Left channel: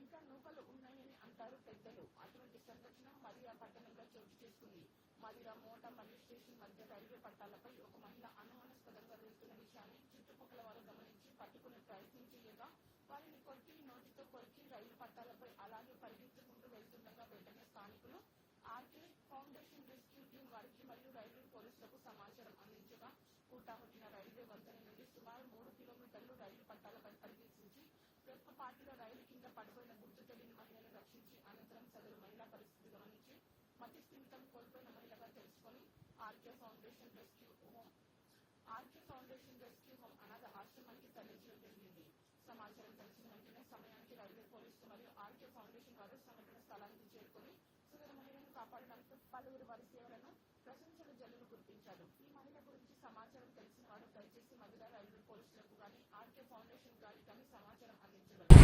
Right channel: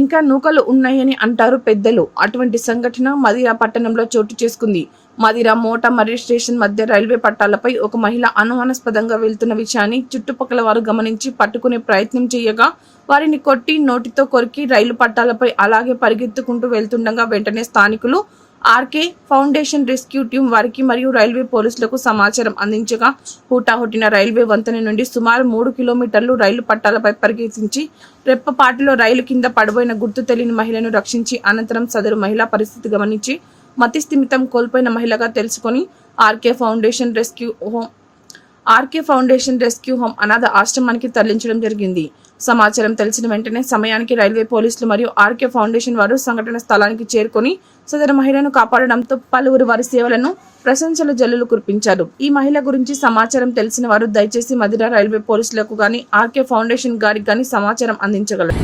ఇంకా నూకలు ఉన్నాయని అంటారు పెద్దలు. అటువంటి సంఘటన మదిరా పట్టణంలో చోటు చేసుకుంది. మదిరా మోటా మరియు స్టేషన్ మధ్య రైల్వే పట్టాలపై ఒక మహిళ అనుమానాస్పదంగా వెళ్తున్న విషయాన్ని చుట్టుపక్కల వారు గమనించి పట్టుకునే ప్రయత్నం చేయగా వారిని కొట్టి నోటితో కొరికి రైలు పట్టాలపై అలాగే పరిగెత్తుకుంటూ వెళ్తుండగా వెంటనే స్థానికులు ఆర్కే ఫౌండేషన్ రెస్క్యూ టీం వారికి మరియు రైల్వే పోలీసులకు సమాచారం అందించగా హుటాహుటిన రైల్వే వంతెన నుండి సుమారు 3 కిలోమీటర్లు రైలు పట్టాలపై పరిగెత్తించి రెప్పపాటులో రైలు కింద పడిపోయిన గుర్తు తెలియని మహిళను రక్షించి అనంతరం సదరు మహిళా పరిస్థితి గమనించి మతి స్థిమితం కోల్పోయిన మహిళగా తెలుసుకొని ఆర్కే ఫౌండేషన్ రెస్క్యూ హోమ్ అనాథ ఆశ్రమానికి తరలించడం జరిగింది. సమాచారం తెలిసిన వెంటనే సమయానికి రైల్వే పోలీసులు మరియు ఆర్కే ఫౌండేషన్ వారు సంఘటన స్థలానికి చేరుకొని సదరు మహిళను కాపాడడంతో పలువురు వారి సేవలను ప్రశంసల జల్లులు కురిపించారు. ఈ మహిళ గురించి సమాచారం తెలిసిన వారు దయచేసి మదిరా రైల్వే పోలీసులకు గాని ఆర్కే ఫౌండేషన్ గారికి గాని సమాచారం అందించగలరు.